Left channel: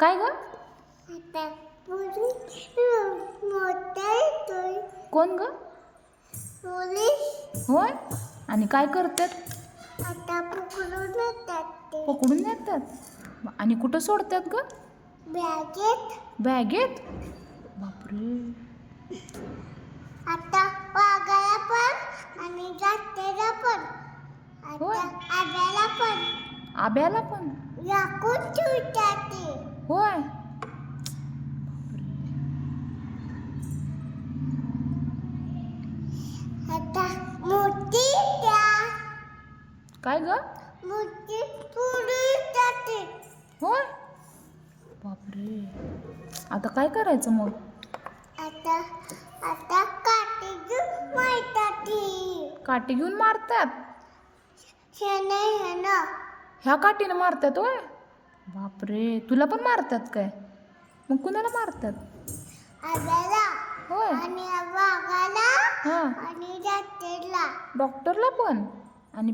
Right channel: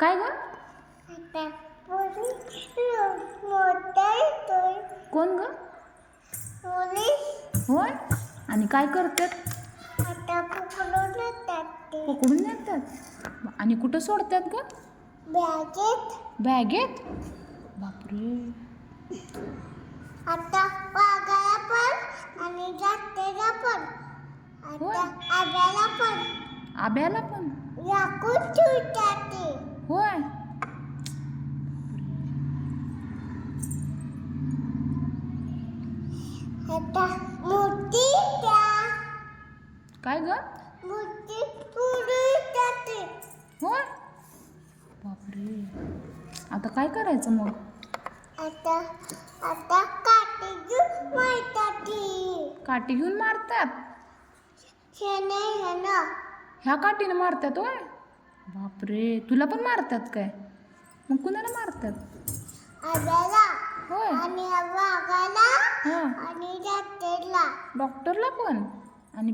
काय ग? कोण ग? होय. आणि काय करतात? पकडून नेतात. आणि कुठं सोडतात ग? बॅगेत. बापरे. आता वाघाला पण आणि जात्याला पण होय. आता आब्याला पण आब्याला पण. लाकूड ठेवतात ते. होय. आता मूर्ती त्या काय ग? मूर्ती पुढे जाते. होय. बापरे. आता काय करायचं मग? आता आता काठी घेऊन मारतात ती. काठी घेऊन मारतात. शेण ह्या काठीने मारतात होय. बापरे. तुला पण मारतात काय? मग कुणाला मारतात? आब्याला होय. आणि वाघाला हा. आणि जात्याला. डॉक्टरला पण. आणि